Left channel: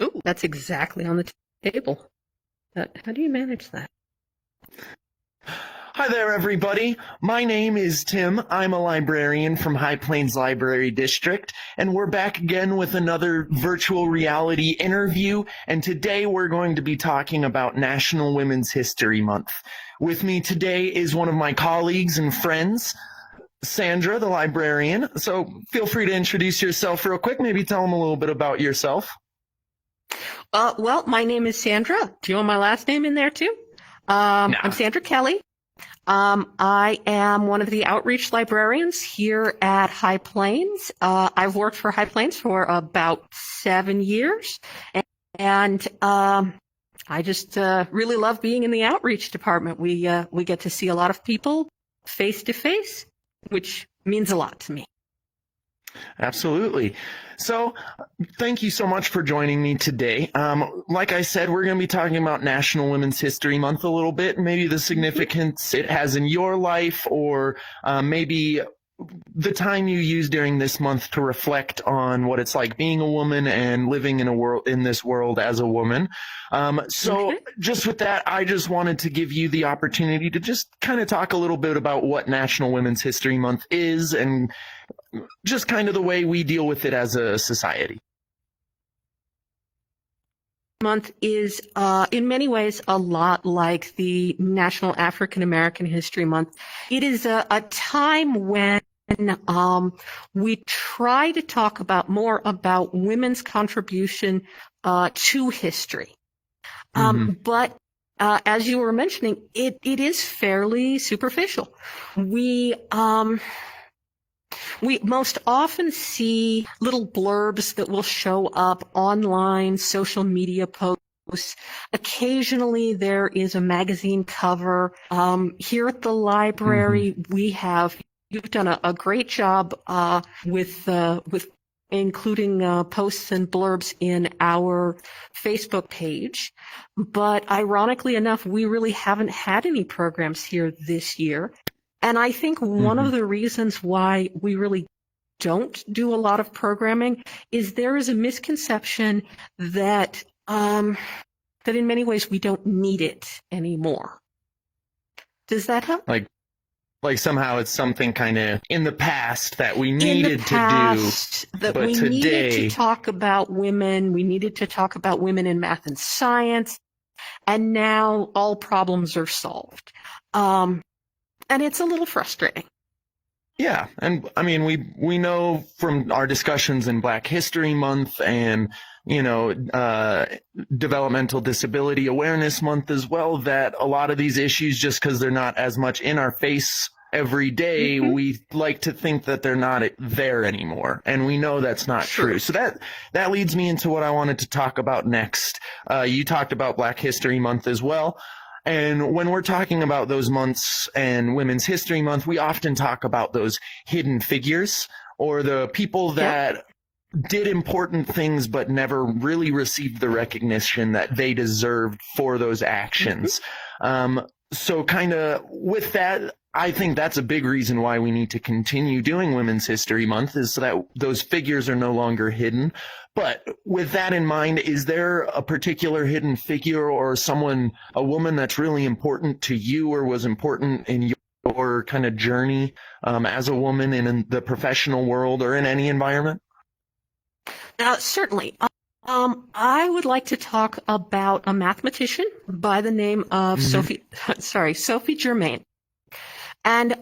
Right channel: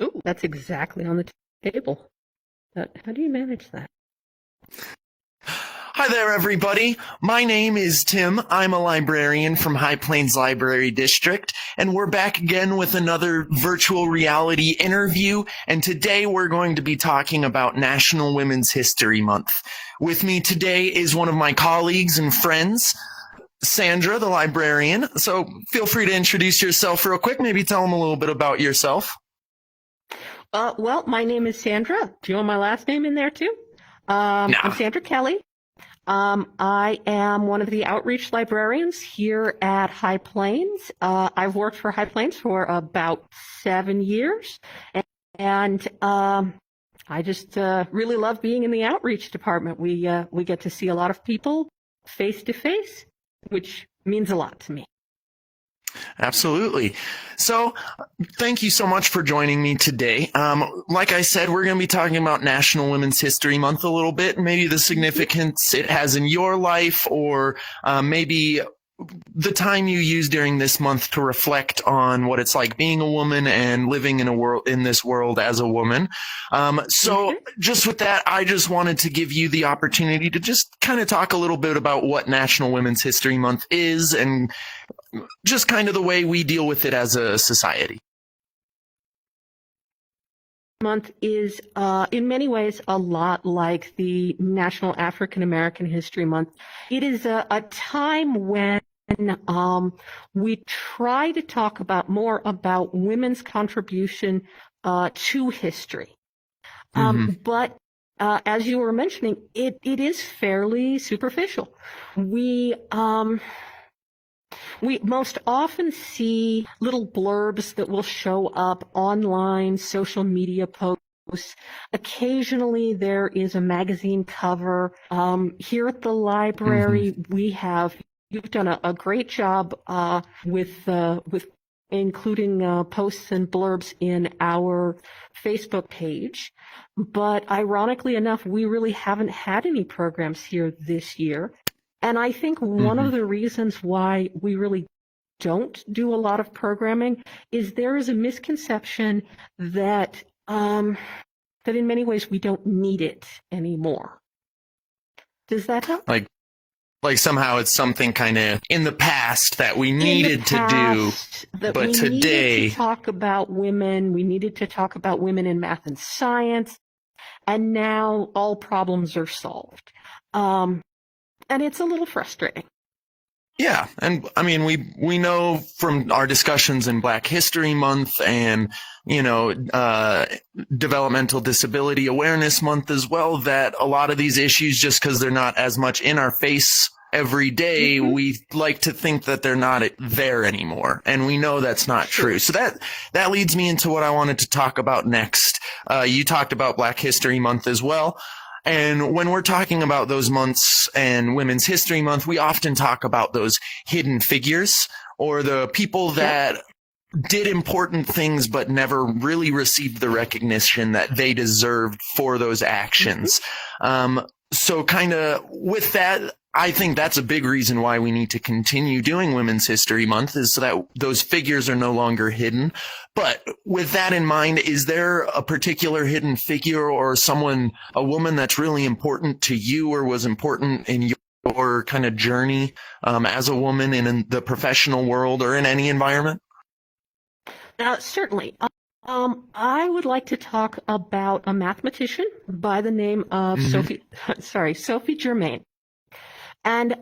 Ooh, that's exactly on the table. But how do you manage that? Hi there, everybody. My name is Tim. I'm a librarian from High Plains Library District, and we're back again with another virtual reality interview. And today we're going to be talking about National Women's History Month. With me today is one of my colleagues and friends, Sandra, the librarian. So feel free to introduce yourself real quick. Maybe tell them a little bit about yourself. Well, my name is Sandra. Do you want my last name in there too? No. I'm Sandra Kelly. I am one of the outreach librarians here at High Plains. I've worked for High Plains for about 7 years, and I just really love being in the outreach department. We get to see a lot of people face to face, which means a lot to me. Absolutely. So thank you so much for joining me today. Like I said, we're going to be talking about National Women's History Month a little bit, maybe the significance it has in your life, or maybe the time you use during this month to reflect on what it's like being a woman and living in this world as a woman. Just with that, I just wanted to give you the opportunity to just kind of talk a little bit about what National Women's History Month is and just kind of the way we deal with it as a society. Month is in many ways a lot like the National African American History Month. It is a time when we try to talk more about women's contribution to history. But as you were mentioning, it is fairly superficial. We most often see little blurbs that will show up online, social media posts. Occasionally there is a magazine cover. Here at the library, you've done a great job with including posts and blurbs in our Facebook page. But ironically enough, we really haven't had any programs here this year. And I think one of the reasons why we really don't do a lot of programming is there is a misconception that that in many ways we don't need it anymore. Does that help? Like somehow it's something kind of in the past that we needed to do, but today needed to talk about women. We needed to talk about women in math and science, and now all problems are solved. And it's a little frustrating. Yeah. And I mean, we know from our discussions in Black History Month and, Developmental Disability Awareness Month as well, that a lot of these issues, just because they're not as much in our face every day, we like to think that they're not there anymore. And we know that's not true. So that leads me into what I wanted to talk about next. You talked about Black History Month as well. And when we're talking about those months and Women's History Month, we often talk about those hidden figures or the people that did important things but never really received the recognition that they deserved for those actions. So kind of with that, I think that's a big reason why we need to continue doing Women's History Month, is so that those figures are no longer hidden. But with that in mind, is there a particular hidden figure or a woman that's really important to you or was important in your kind of journey as a woman in the professional world or in any environment? Certainly. I would like to talk about a mathematician by the name of Sophie Jermaine. And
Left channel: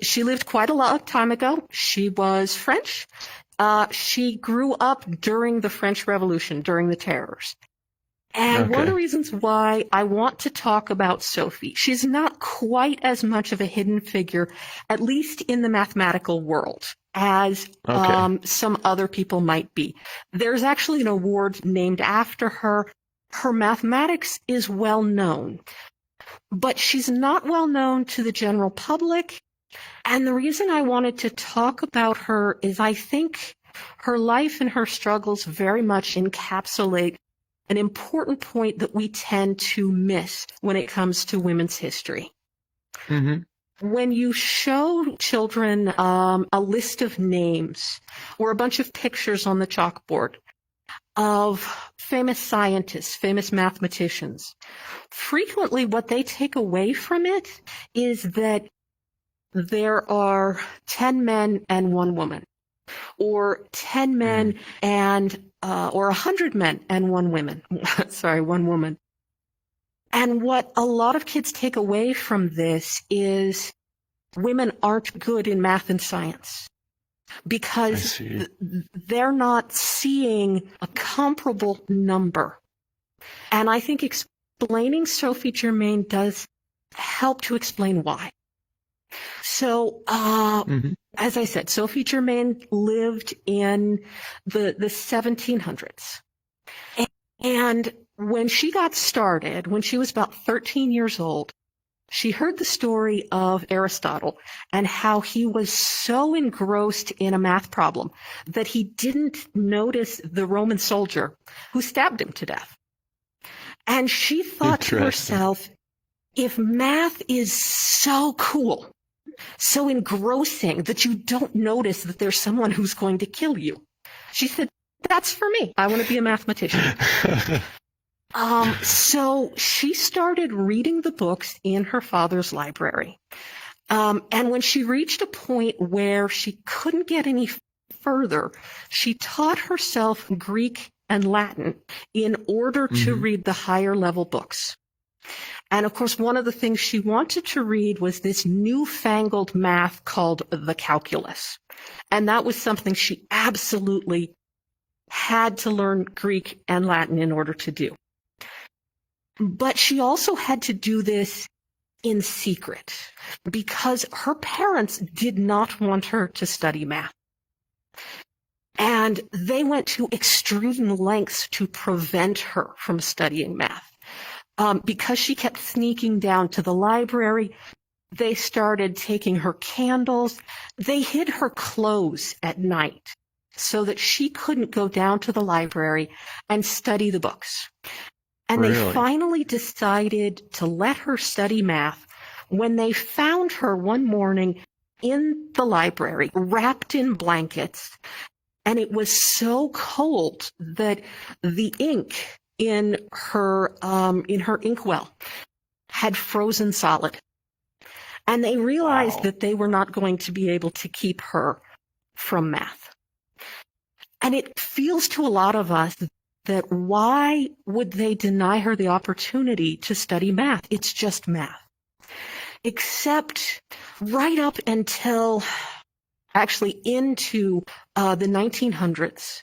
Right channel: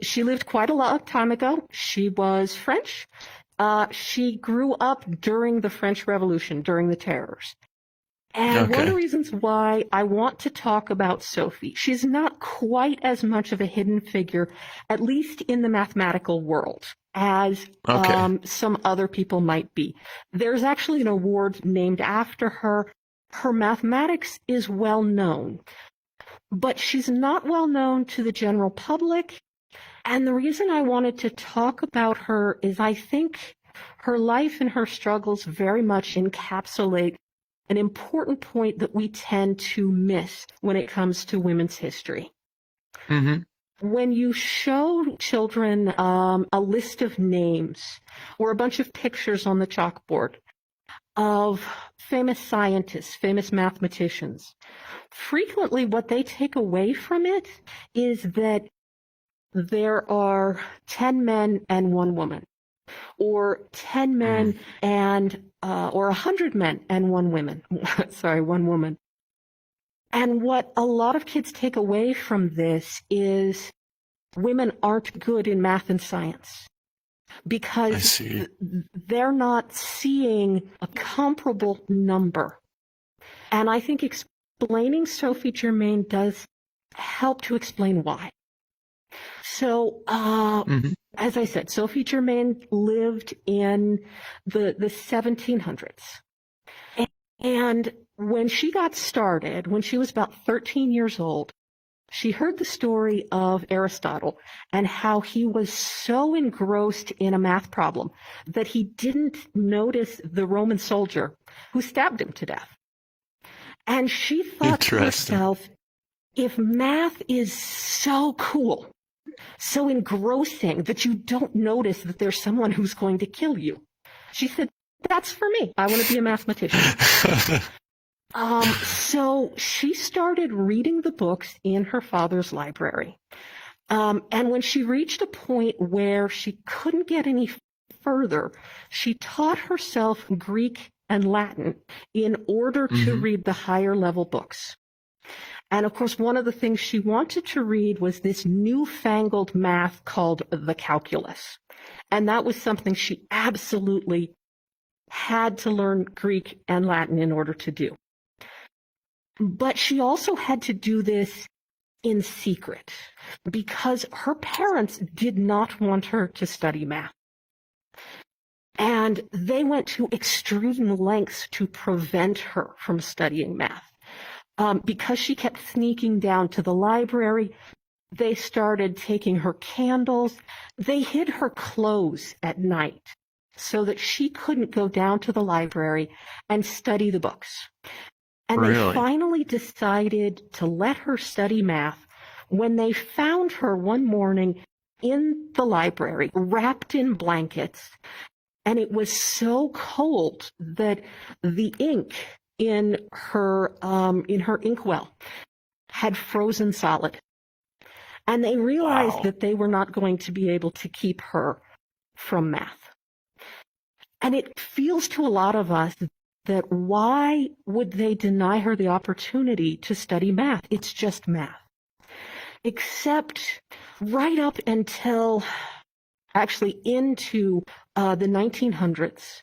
she lived quite a long time ago. She was French. She grew up during the French Revolution, during the terrors. And one of the reasons why I want to talk about Sophie, she's not quite as much of a hidden figure, at least in the mathematical world, as some other people might be. There's actually an award named after her. Her mathematics is well known, but she's not well known to the general public. And the reason I wanted to talk about her is I think her life and her struggles very much encapsulate an important point that we tend to miss when it comes to women's history. When you show children a list of names or a bunch of pictures on the chalkboard, of famous scientists, famous mathematicians, frequently what they take away from it is that there are 10 men and one woman, or 10 men or 100 men and one woman. Sorry, one woman. And what a lot of kids take away from this is women aren't good in math and science because they're not seeing a comparable number. And I think explaining Sophie Jermaine does help to explain why. So, as I said, Sophie Jermaine lived in the 1700s. And when she got started, when she was about 13 years old, she heard the story of Aristotle and how he was so engrossed in a math problem that he didn't notice the Roman soldier who stabbed him to death. And she thought to herself, if math is so cool, so engrossing that you don't notice that there's someone who's going to kill you, she said, that's for me. I want to be a mathematician. So she started reading the books in her father's library. And when she reached a point where she couldn't get any further, she taught herself Greek and Latin in order to read the higher level books. And of course, one of the things she wanted to read was this newfangled math called the calculus. And that was something she absolutely had to learn Greek and Latin in order to do. But she also had to do this in secret because her parents did not want her to study math. And they went to extreme lengths to prevent her from studying math. Because she kept sneaking down to the library, they started taking her candles. They hid her clothes at night so that she couldn't go down to the library and study the books. And they finally decided to let her study math when they found her one morning in the library, wrapped in blankets. And it was so cold that the ink in her inkwell had frozen solid. And they realized that they were not going to be able to keep her from math. And it feels to a lot of us that why would they deny her the opportunity to study math? It's just math. Except right up until actually into the 1900s,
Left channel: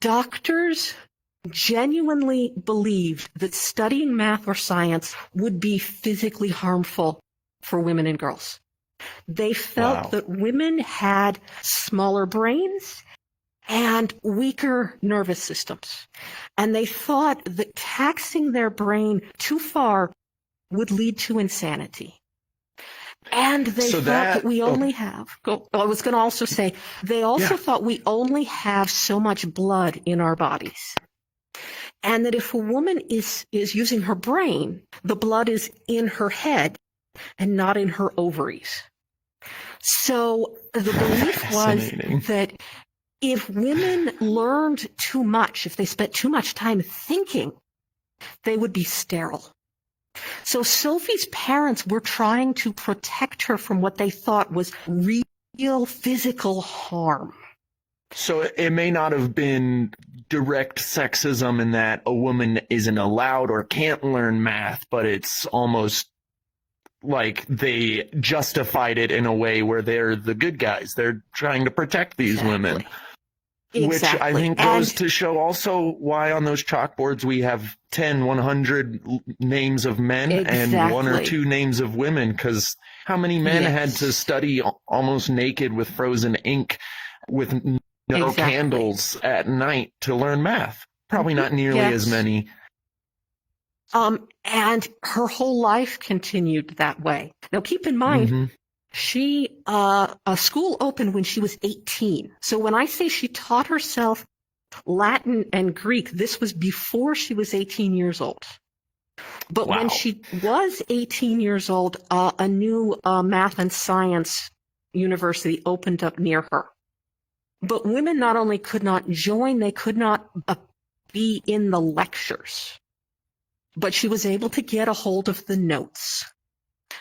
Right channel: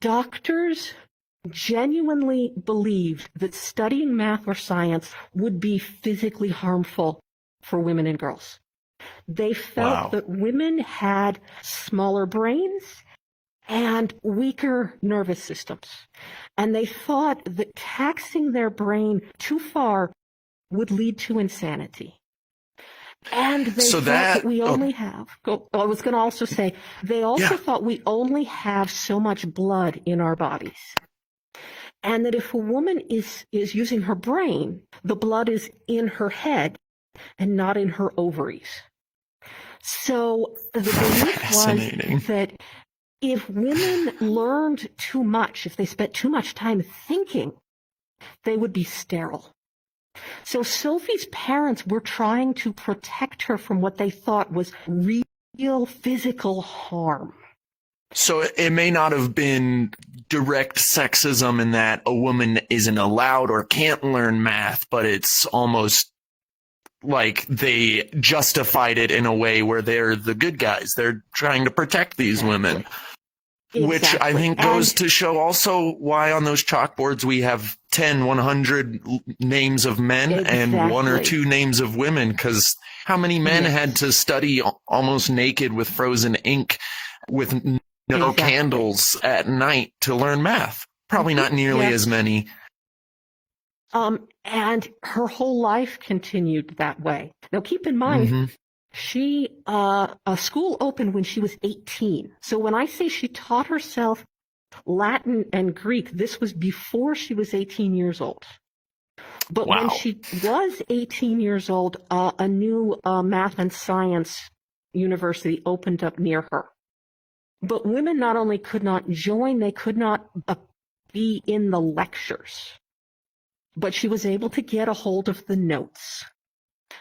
doctors genuinely believed that studying math or science would be physically harmful for women and girls. They felt that women had smaller brains and weaker nervous systems. And they thought that taxing their brain too far would lead to insanity. And they thought that we only have, I was going to also say, they also thought we only have so much blood in our bodies. And that if a woman is using her brain, the blood is in her head and not in her ovaries. So the belief was that if women learned too much, if they spent too much time thinking, they would be sterile. So Sophie's parents were trying to protect her from what they thought was real physical harm. So it may not have been direct sexism in that a woman isn't allowed or can't learn math, but it's almost like they justified it in a way where they're the good guys. They're trying to protect these women. Which I think goes to show also why on those chalkboards we have 10, 100 names of men and one or two names of women, because how many men had to study almost naked with frozen ink with no candles at night to learn math? Probably not nearly as many. And her whole life continued that way. Now, keep in mind, a school opened when she was 18. So when I say she taught herself Latin and Greek, this was before she was 18 years old. But when she was 18 years old, a new math and science university opened up near her. But women not only could not join, they could not be in the lectures. But she was able to get a hold of the notes.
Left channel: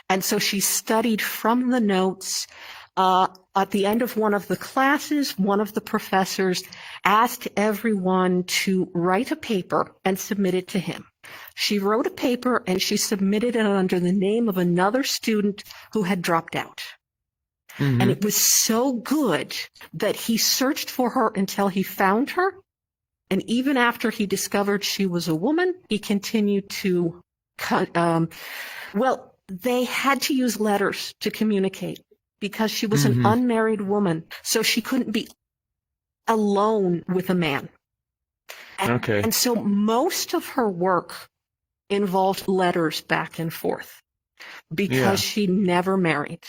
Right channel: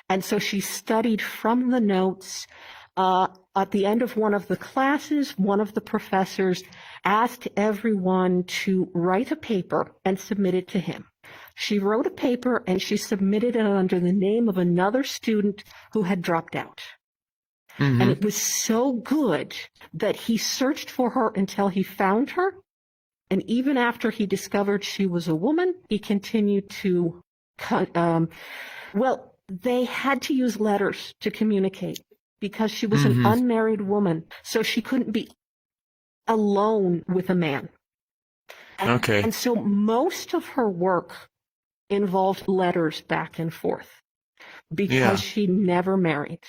And so she studied from the notes. At the end of one of the classes, one of the professors asked everyone to write a paper and submit it to him. She wrote a paper and she submitted it under the name of another student who had dropped out. Mm-hmm. And it was so good that he searched for her until he found her. And even after he discovered she was a woman, he continued to, they had to use letters to communicate because she was an unmarried woman. So she couldn't be alone with a man. And so most of her work involved letters back and forth because she never married.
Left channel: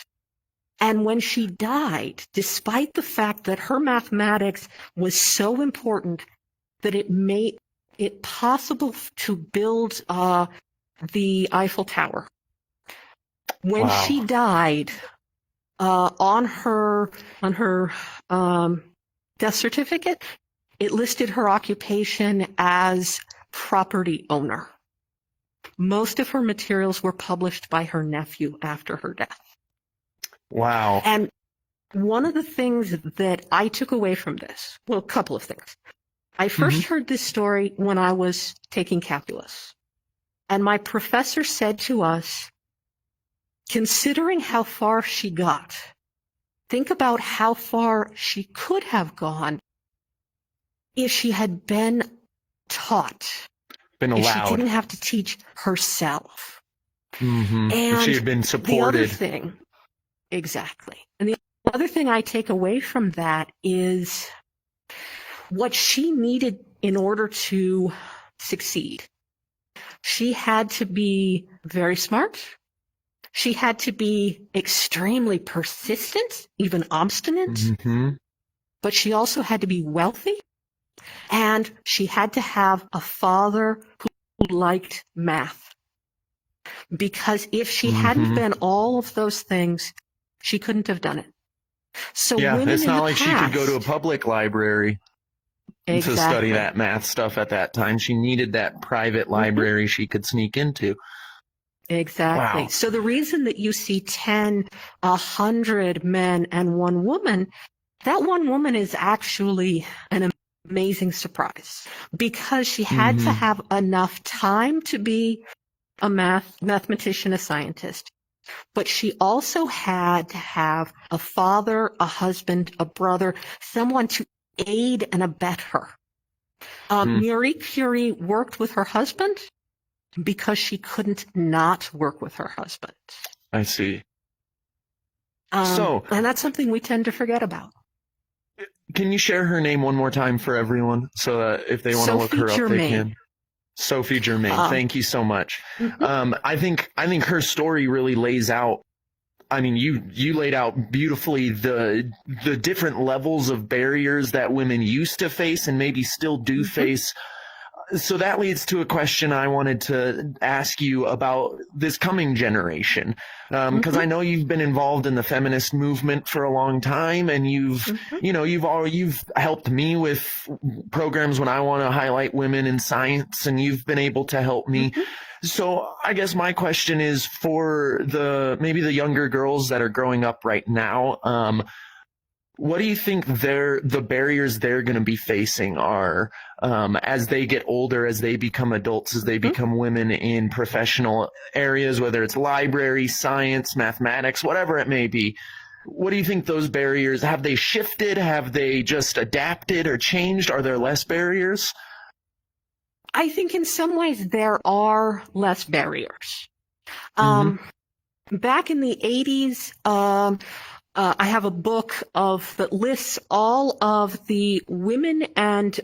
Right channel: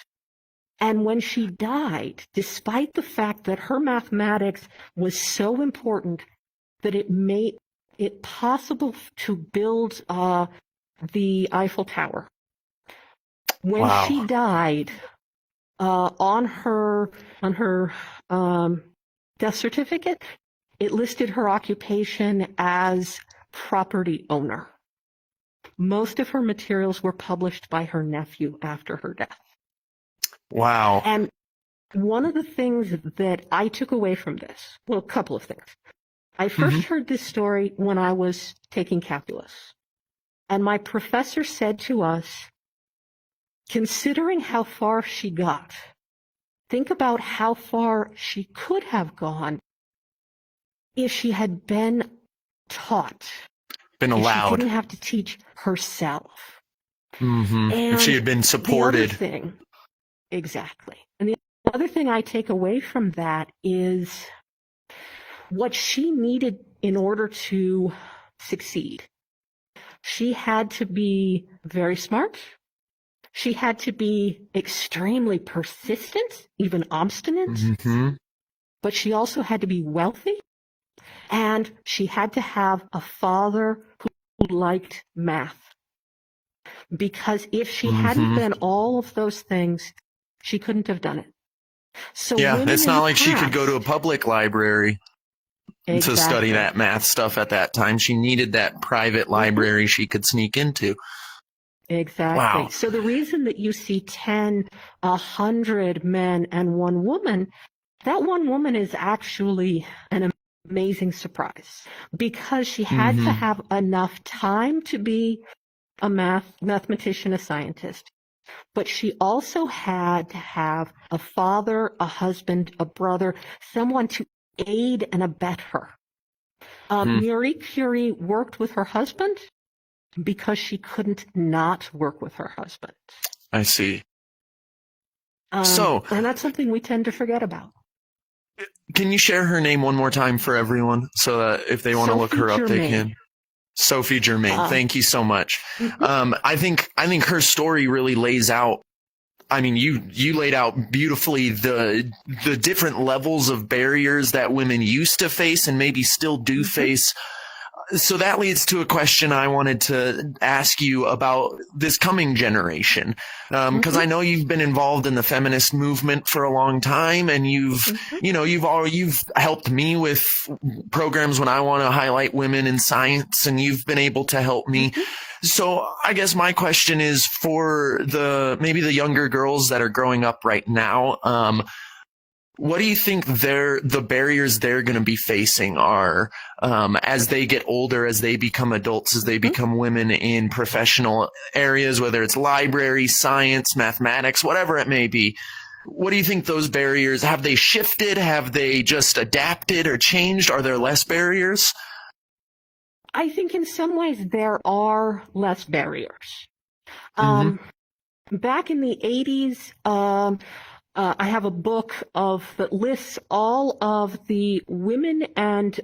And when she died, despite the fact that her mathematics was so important that it made it possible to build the Eiffel Tower, when she died, on her death certificate, it listed her occupation as property owner. Most of her materials were published by her nephew after her death. Wow. And one of the things that I took away from this, well, a couple of things. I first heard this story when I was taking calculus. And my professor said to us, considering how far she got, think about how far she could have gone if she had been taught. Been allowed. If she didn't have to teach herself. And if she had been supported. Exactly. And the other thing I take away from that is what she needed in order to succeed. She had to be very smart. She had to be extremely persistent, even obstinate. But she also had to be wealthy. And she had to have a father who liked math. Because if she hadn't been all of those things, she couldn't have done it. So it's not like she could go to a public library to study that math stuff at that time. She needed that private library she could sneak into. Exactly. Wow. So the reason that you see 10, 100 men and one woman, that one woman is actually an amazing surprise because she had to have enough time to be a mathematician, a scientist. But she also had to have a father, a husband, a brother, someone to aid and abet her. Marie Curie worked with her husband because she couldn't not work with her husband. I see. And that's something we tend to forget about. Can you share her name one more time for everyone so that if they want to look her up, they can? Sophie Jermaine. Thank you so much. I think her story really lays out. I mean, you laid out beautifully the different levels of barriers that women used to face and maybe still do face. So that leads to a question I wanted to ask you about this coming generation, because I know you've been involved in the feminist movement for a long time, and you've helped me with programs when I want to highlight women in science, and you've been able to help me. So I guess my question is for maybe the younger girls that are growing up right now. What do you think the barriers they're going to be facing are as they get older, as they become adults, as they become women in professional areas, whether it's library, science, mathematics, whatever it may be? What do you think those barriers, have they shifted? Have they just adapted or changed? Are there less barriers? I think in some ways there are less barriers. Back in the 80s, I have a book that lists all of the women and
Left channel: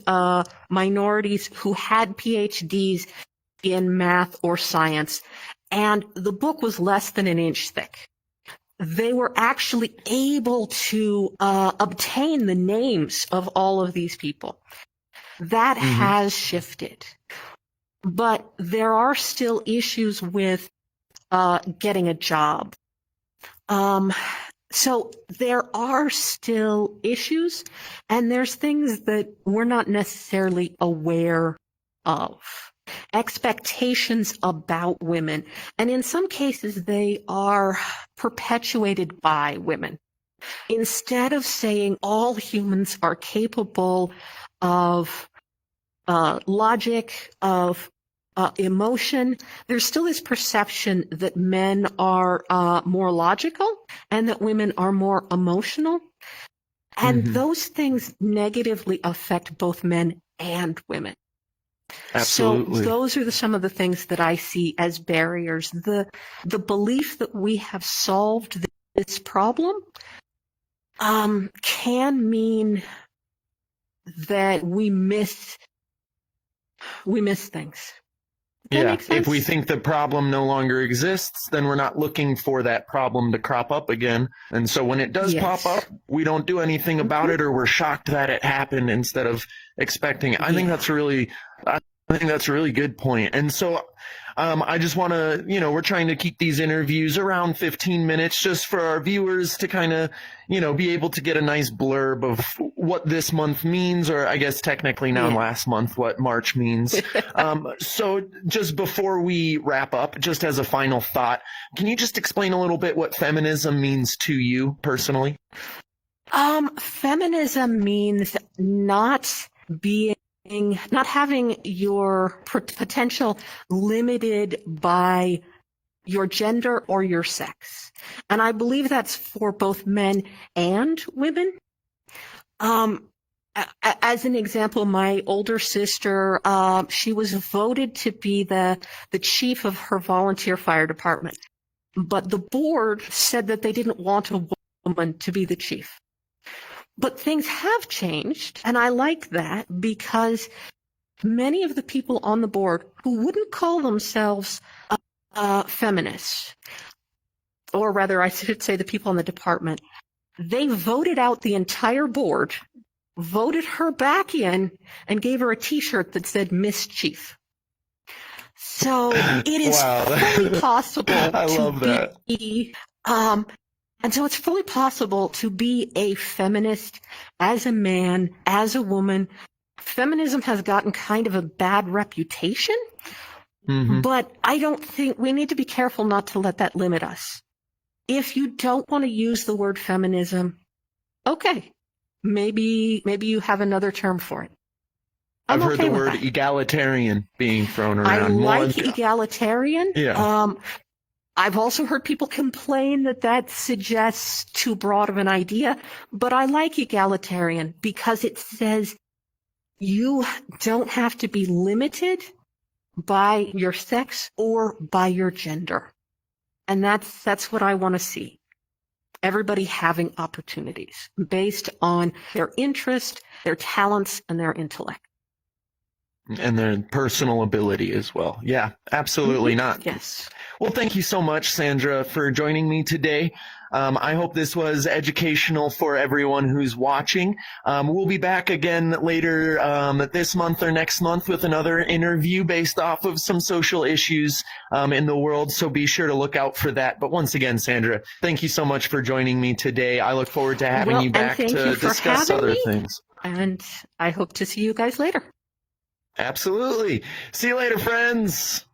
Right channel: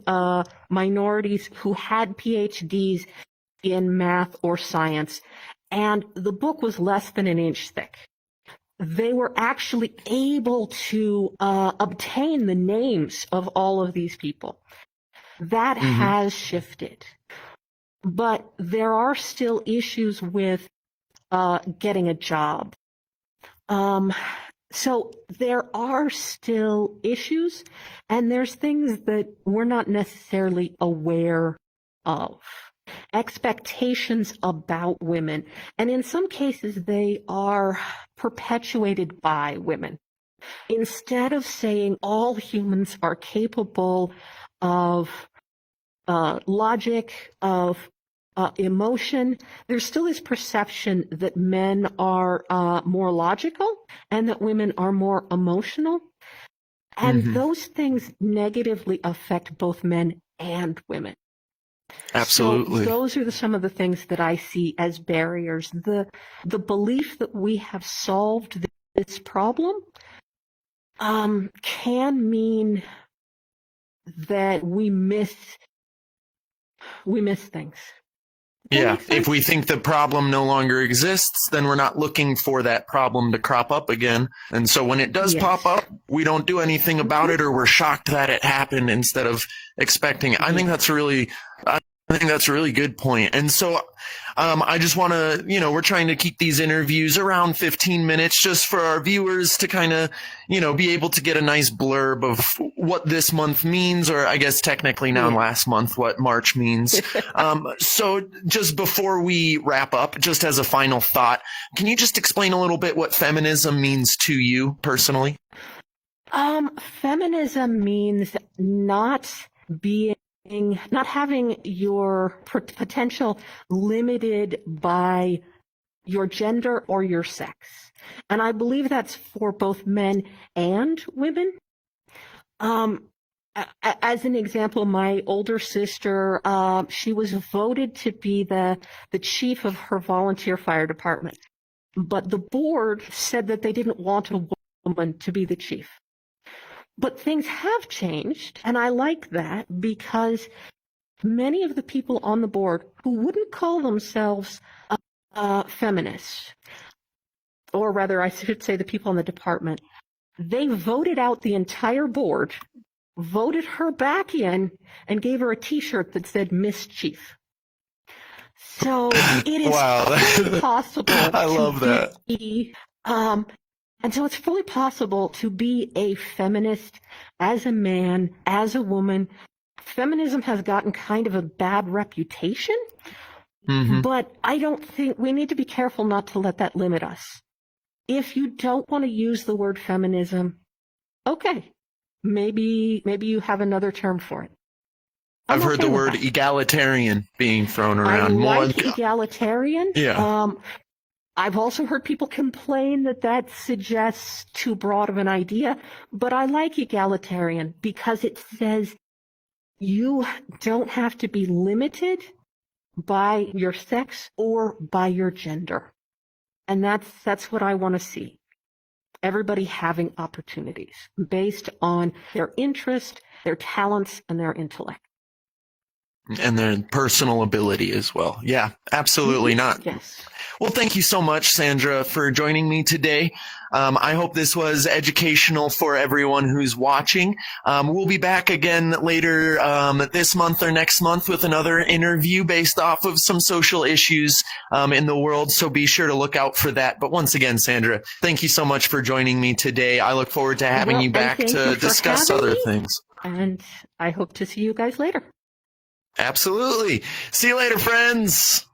minorities who had PhDs in math or science, and the book was less than an inch thick. They were actually able to obtain the names of all of these people. That has shifted. But there are still issues with getting a job. So there are still issues, and there's things that we're not necessarily aware of. Expectations about women, and in some cases they are perpetuated by women. Instead of saying all humans are capable of logic, of emotion, there's still this perception that men are more logical and that women are more emotional. And those things negatively affect both men and women. Absolutely. So those are some of the things that I see as barriers. The belief that we have solved this problem can mean that we miss things. Yeah, if we think the problem no longer exists, then we're not looking for that problem to crop up again. And so when it does pop up, we don't do anything about it, or we're shocked that it happened instead of expecting it. I think that's a really good point. And so I just want to, we're trying to keep these interviews around 15 minutes just for our viewers to kind of, be able to get a nice blurb of what this month means, or I guess technically now last month, what March means. So just before we wrap up, just as a final thought, can you just explain a little bit what feminism means to you personally? Feminism means not having your potential limited by your gender or your sex. And I believe that's for both men and women. As an example, my older sister, she was voted to be the chief of her volunteer fire department. But the board said that they didn't want a woman to be the chief. But things have changed, and I like that because many of the people on the board who wouldn't call themselves feminists, or rather I should say the people in the department, they voted out the entire board, voted her back in, and gave her a T-shirt that said Miss Chief. So it is fully possible I love that. And so it's fully possible to be a feminist as a man, as a woman. Feminism has gotten kind of a bad reputation, but I don't think we need to be careful not to let that limit us. If you don't want to use the word feminism, okay, maybe you have another term for it. I've heard the word egalitarian being thrown around. I like egalitarian. Yeah. I've also heard people complain that suggests too broad of an idea, but I like egalitarian because it says you don't have to be limited by your sex or by your gender. And that's what I want to see. Everybody having opportunities based on their interest, their talents, and their intellect. And their personal ability as well. Yeah, absolutely not. Yes. Well, thank you so much, Sandra, for joining me today. I hope this was educational for everyone who's watching. We'll be back again later this month or next month with another interview based off of some social issues in the world, so be sure to look out for that. But once again, Sandra, thank you so much for joining me today. I look forward to having you back to discuss other things. And I hope to see you guys later. Absolutely. See you later, friends.